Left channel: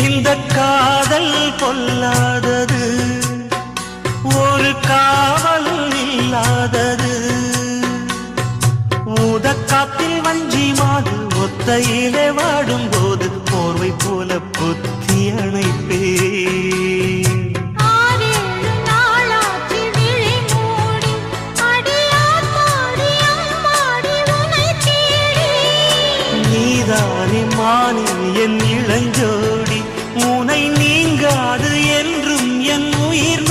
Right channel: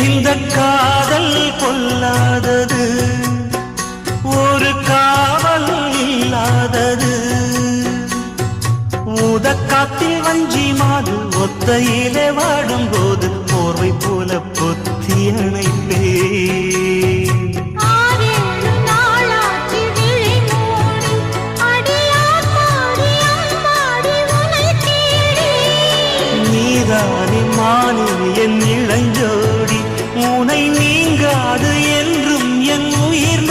இந்த காதல் பொல்லாதது, ஒரு காவல் இல்லாதது. ஊதக்காத்தில் வஞ்சி மாது ஒத்தையிலே வாடும் போது போர்வை போல பொத்தி அணைப்பே. நீதானே மானே என் இளஞ்சோடி, உனை நீங்காது என்றும் என் உயிர்